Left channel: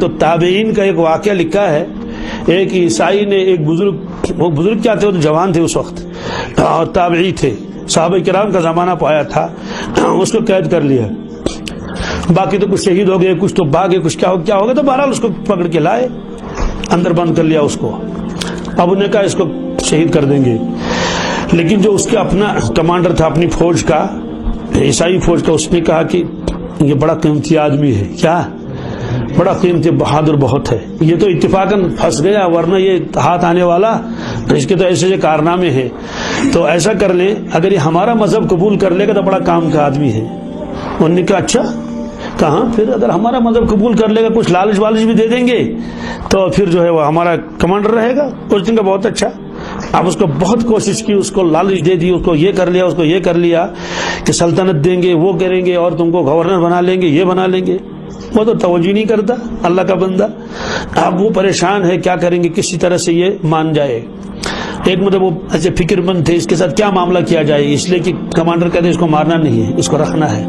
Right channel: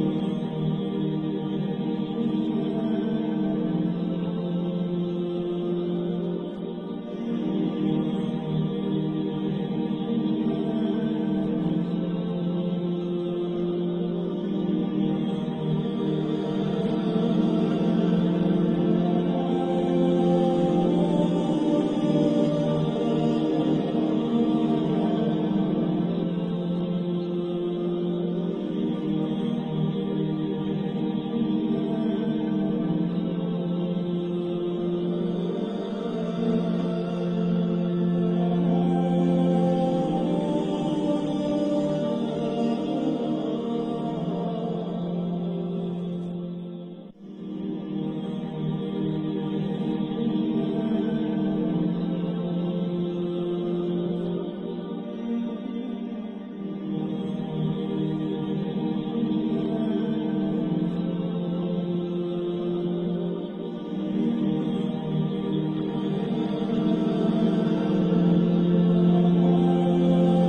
تو تابعین کا ایک واقعہ لکھا ہے، ایک عیسائی نے ایک بزرگ، وہ بزرگ کیا تھے، وہ جوان تھے اس وقت اور تابعی تھے، صحابہ کرام کا زمانہ پایا تھا، اس کو قید کر لیا، باقی تو کچھ شہید ہو گئے، کچھ تو بھاگے، کچھ کیا ہو گیا، تو بہرحال اس کو پکڑ کے لائے، اندر بند کر لیا اس کو۔ اب انہوں نے کہا اس کو شہید کر دیں گے، لیکن جو اس کا اپنا کمانڈر تھا اپنی فوج کا، عیسائی فوج کا، اس نے کہا کہ یہ بڑا قیمتی آدمی ہے، کیا بڑا قیمتی، بہادر بہت ہے، یہ تو اتفاقاً پھنس گیا، ورنہ یہ ہاتھ آنے والا، اس کے تو ایسے کارنامے ہیں، تو ایسا کر لیں اگر یہ ہمارا مذہب قبول کر لے گا تو بڑا کام کا آدمی ہے۔ انہوں نے کہا اچھا، کہاں پھر اگر ہمارا مذہب قبول کر لے گا، کچھ لالچ والچ بھی دے دیں گے تو پھر جو ہے وہ ہمارا کمانڈر رہے گا۔ اس دن کا بہت اچھا، اب اس کو بہت کوشش کی، اس کو لالچ دے دی، اس کو یہ کر لیا، اس کو یہ کر لیا کہ سلطنت دیں گے، وہ کریں گے، اور تم کو گورنر بنا لیں گے، یہ بنا لیں گے۔ وہ تو توجہ نہیں کرتا اللہ کا بندہ، اب وہ پریشان ہے کیا کریں گے، کسی طرح سے یہ مان جائے۔ ایک مطلب وہ ایسے فکر مند تھے اس کے ساتھ کیا معاملہ کیا جائے، اس لیے کہ کمانڈر کہتے اس کو مارنا نہیں ہے، اس کو رکھنا ہے۔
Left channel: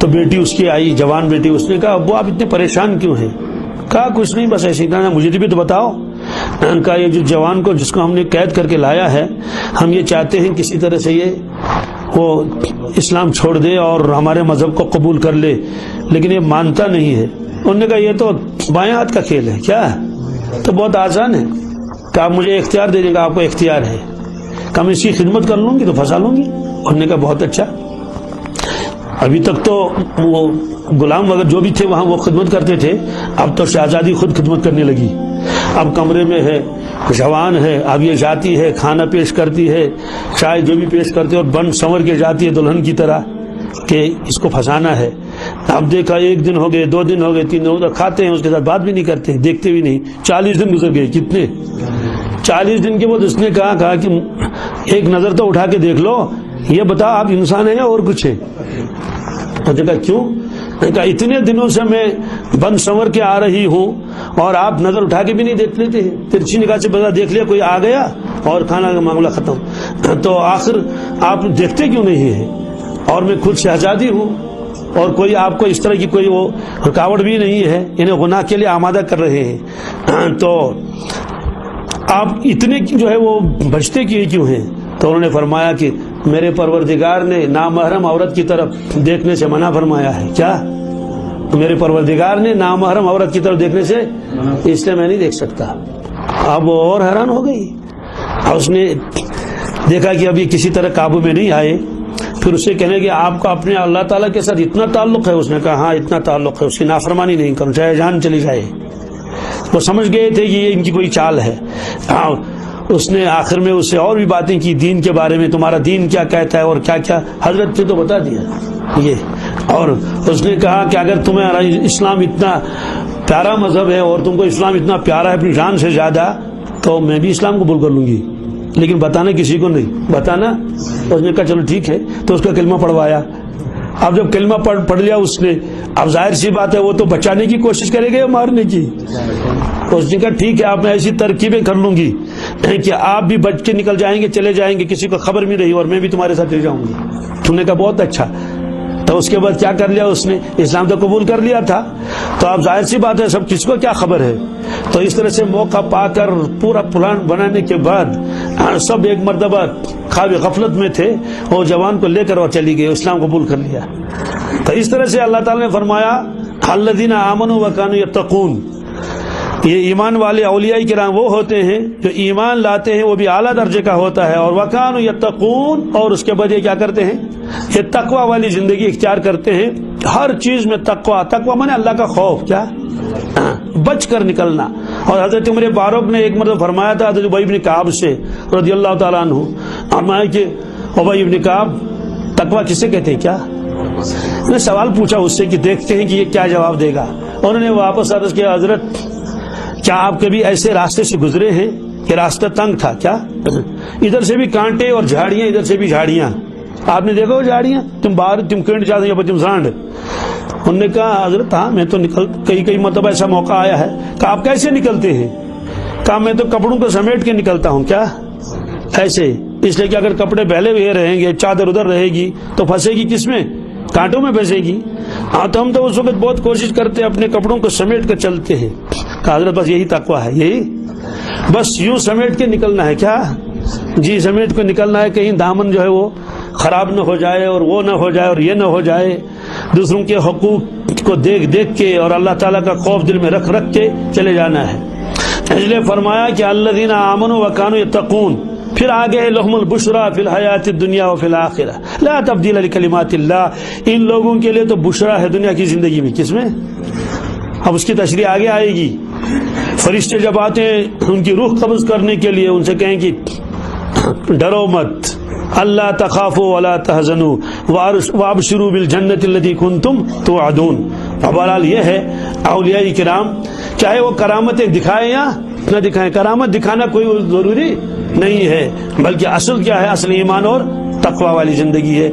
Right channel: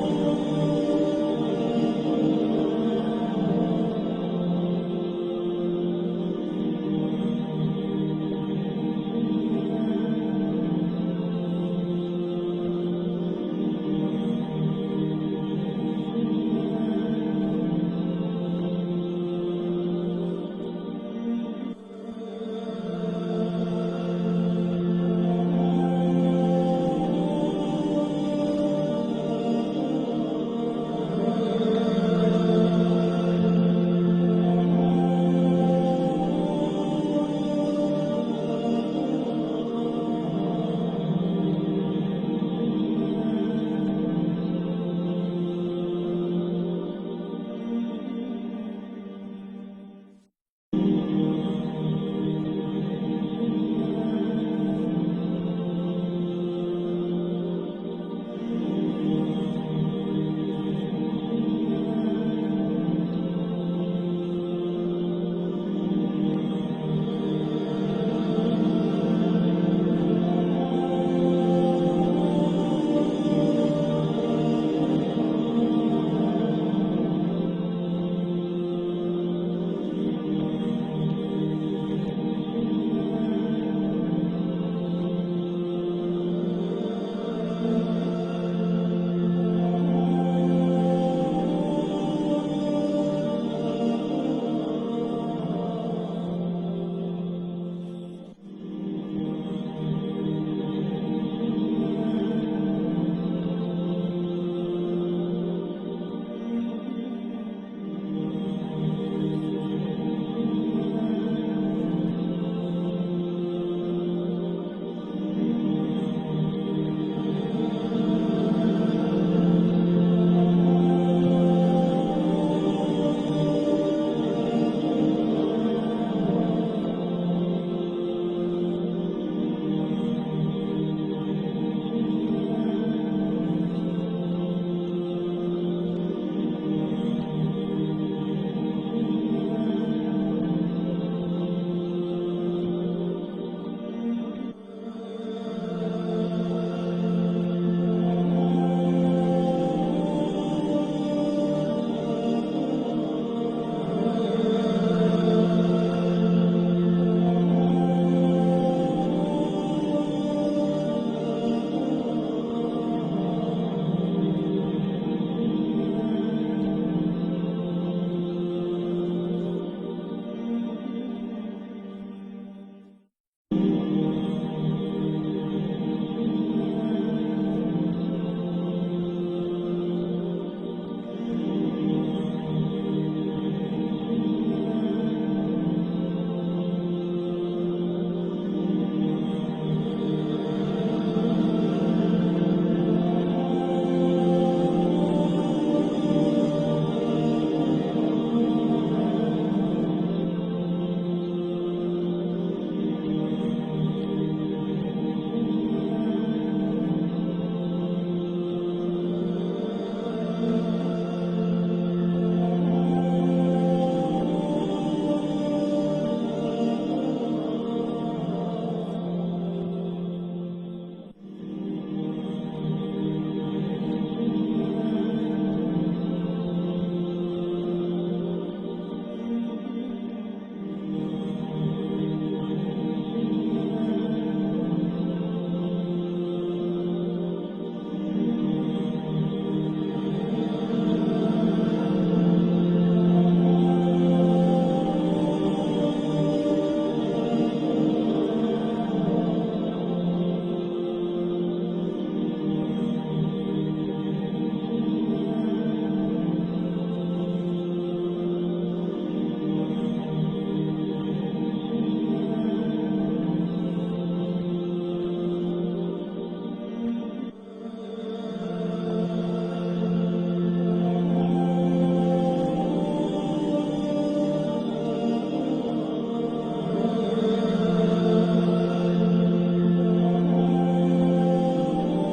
تو بیٹی اس کی آئی، جوان بیٹی، اس نے کہا ابو آپ اتنے پریشان کیوں ہیں؟ کہا کچھ نہیں، بس ایسے ہی کہا مجھے بھی تو بتاؤ۔ کہا یہ جو جوان کو جس کو ہم نے قید کر کے لایا ہے، ہم یہ چاہتے ہیں کسی طرح سے یہ وہ اسلام چھوڑ دے اور ہمارے مذہب کو قبول کر لے، لیکن یہ مانتا نہیں ہے۔ انہوں نے کہا یہ تو بائیں ہاتھ کا کھیل ہے، کیا تو بہت آسان ہے، کہ آپ مجھے اختیار دے دیں گا، آپ کو اختیار ہے کہ میں اس کی خدمت کر لوں گی تو پھنسا لوں گی۔ انہوں نے کہا بہت اچھا۔ ابھی تک تو وہ غلام وغیرہ جو بھی تھے وہاں وہ خدمت کرتے تھے، اب تو شہزادی خود خدمت کرنے لگی، اب کمرے میں ہے، جوان ہے، اب یہ جاتی ہے، کھانا پیش کرتی ہے، چائے جو بھی پیش کرتے، اور بن سنور کے جاتی ہے دلہن کی طرح کہ اس کو پھنسانا ہے۔ اب دیکھا ایک دن ہو گئے، 2 دن ہو گئے، 3 دن ہو گئے، کھاتے ہیں اس کے ساتھ بات بھی نہیں کرتے، دیکھتے بھی نہیں، 40 دن گزر گئے۔ کتنے 40 دن کے بعد اس نے کہا کہ ایک نظر تو اٹھا کے دیکھ لو، یہ بتا آپ انسان ہیں یا اور کچھ ہے؟ اور کہا کیوں؟ کہا اتنے دنوں سے میں بن سنور کے آ رہی ہوں اور آپ نظر اٹھا کے بھی نہیں دیکھ لیتے ہیں، ترچھی نگاہ سے بتا دیکھ لیا کوئی آ گیا اور کھانا کا معاملہ ختم، تو آخر آپ دیکھتے کیوں نہیں ہیں؟ اور میں خود شہزادی ہوں اور کوئی آپ کو اس طرح کی کوئی وہ رکاوٹ بھی نہیں ہے، انہیں گناہ کے لیے آمادہ کر رہے ہیں، تو آپ اتنے جو ہے وہ بچتے کیوں ہیں؟ تو انہوں نے فرمایا کہ میرے پروردگار نے نامحرم عورت کی طرف دیکھنے سے منع فرمایا ہے۔ کیا؟ میرے پروردگار نے نامحرم عورت کی طرف دیکھنے سے، اس لیے میں نہیں دیکھ سکتا۔ اب وہ اور حیران ہو گئی، اور اس نے دیکھا کہ ابھی کسی طرح قابو میں نہیں آئے، پھر اسے کہنے کہ آپ کو اپنے اللہ تعالیٰ کے ساتھ اتنا تعلق ہے؟ اس نے کہا ہاں اتنا تعلق ہے، اس کی نافرمانی نہیں کروں چاہے جان چلی جائے۔ وہ سمجھ گئے تھے کہ یہ ان کی کوئی چال ہے۔ اس نے آخر میں اس سے اور بھی باتیں کی دین کے بارے میں، تمہارا دین کیا کہتا ہے اور کیا کیا، حضرت نے تو بتا دیا یہ۔ اور اس نے کہا کہ اگر تمہیں اسلام اتنا پیارا مذہب ہے اور تم کو اسلام اتنا پیارا ہے اپنی جان سے زیادہ، تو میں بھی اسلام قبول کر لوں گی، لیکن بتانا کسی کو نہیں، بتانا۔ اس نے کہا چلو ٹھیک ہے، تو اس کا کلمہ پڑھوایا۔ اب جب کلمہ پڑھ لیا اس نے، اب ظاہر سی بات ہے وہ تو بچانے کی کوشش کرے گا یا مارنے کی؟ اس نے کہا ٹھیک ہے، آپ میں ایسی ترکیبیں کر لوں گی کہ آپ بھی بچ کے نکل جائیں گے، چلے جائیں گے، کسی کو خبر بھی نہیں، اور میں بھی تمہارے ساتھ چل جاؤں گا۔ تم نے کہا بہت اچھا۔ تو اس کے بعد کیا کر لیا اس نے؟ اسلام تو قبول کر لیا تھا، تو اب ظاہر سی بات ہے سب کس کو کیا خبر ہے۔ تو اس طرح سے موقع پا کر پورا پلان بنانے کے بعد سب ایک مرتبہ خواب غفلت میں تھے، وہ جوان کو لے کر اور چلی گئی، اسلام قبول کر لیا۔ تو اس طرح سے اللہ تعالیٰ نے فرمایا الذین آمنوا وکانوا یتقون، یہ ایمان والے اولیاء کرام وہ ہوتے ہیں جو ایمان لاتے ہیں، وہ بھی اعلیٰ درجے کا ہوتا ہے، اور وکانوا یتقون، اور اس کے بعد یہ کیا کرتے ہیں؟ یہ تقوی والی زندگی اختیار کرتے ہیں، ہر چیز میں تقوی، تقوی مانے اللہ کا خوف، کیا بچ کر نکلنا۔ اور حضرت عمر فاروق نے ایک مرتبہ فرمایا تھا حضرت ابی بن کعب سے رضی اللہ تعالیٰ عنہ، فرمایا کہ ابی بن کعب تقوی کسے کہتے ہیں؟ کیا میں سوال پوچھا اس سے کہ دیکھتے ہیں کہ یہ کیا جواب دے گا۔ انہوں نے واپس عرض کیا حضرت کیا آپ کبھی ایسے راستے سے گزرے ہیں کہ راستہ تنگ تھا؟ کیا ادھر سے بھی کانٹے اور جھاڑیاں، ادھر سے بھی جھاڑیاں، آپ نے دیکھا وہ جھاڑیاں، تم باہر تم کنڈ جاتے ہیں تم سانڈ۔ انہوں نے کہا حضرت ہاں میں تو کئی مرتبہ ایسا موقع آیا ہے۔ کہا آپ کیسے نکلتے ہیں؟ کہا میں تو کپڑوں کو سمیٹ کے نکلتا ہوں۔ کیا ایسے؟ اس لیے کہ اگر کپڑے پہلے ہوئے رہیں گے، چادر ادھر رہے گی تو پھنسے گی کس میں؟ کانٹوں میں پھنسے گی۔ ہاں تو ہم تو اس وقت بہت کوشش کرتے ہیں اپنے کپڑوں کو سمیٹ کر چلتے ہیں. کہا حضرت بس یہی تقویٰ ہے, یہی بس یوں سمیٹ کے نکلنا ہے. کیا جی سمیٹ کے نکلنا ہے, کہیں دامن جو ہے وہ خراب نہ ہو جائے اور وہ نہ ہو جائے اور یہ نہ ہو جائے. دوسروں کے حقوق کو دیکھ دیکھ کے اور اللہ تعالیٰ کا خوف دل میں رکھ رکھ کے چلے جانا ہے. اس لیے فرمایا کہ الذین آمنوا وکانوا یتقون, پھر آگے ہے لہم البشریٰ فی الحیات الدنیا وفی الآخرہ لا تبدیل لکلمات اللہ. ان لوگوں کے لیے تو بشریٰ ہے دنیا کی زندگی میں. کس میں؟ اب اس کی تشریح آگے آئے گی. فرشتے جب آتے ہیں ان کی روح قبض کرنے کے لیے, ان سے کہیں کہ ڈرو مت, اللہ تخافوا ولا تحزنوا وابشروا بالجنۃ التي کنتم توعدون. بہرحال یہ ہے اولیاء کرام چاہے وہ کرامتیں دکھائیں یا نہ دکھائیں, کرامت دکھانا کوئی ضروری نہیں ہے, بلکہ اصل کیا ہے, اصل ایمان اور تقوی والی زندگی ہے.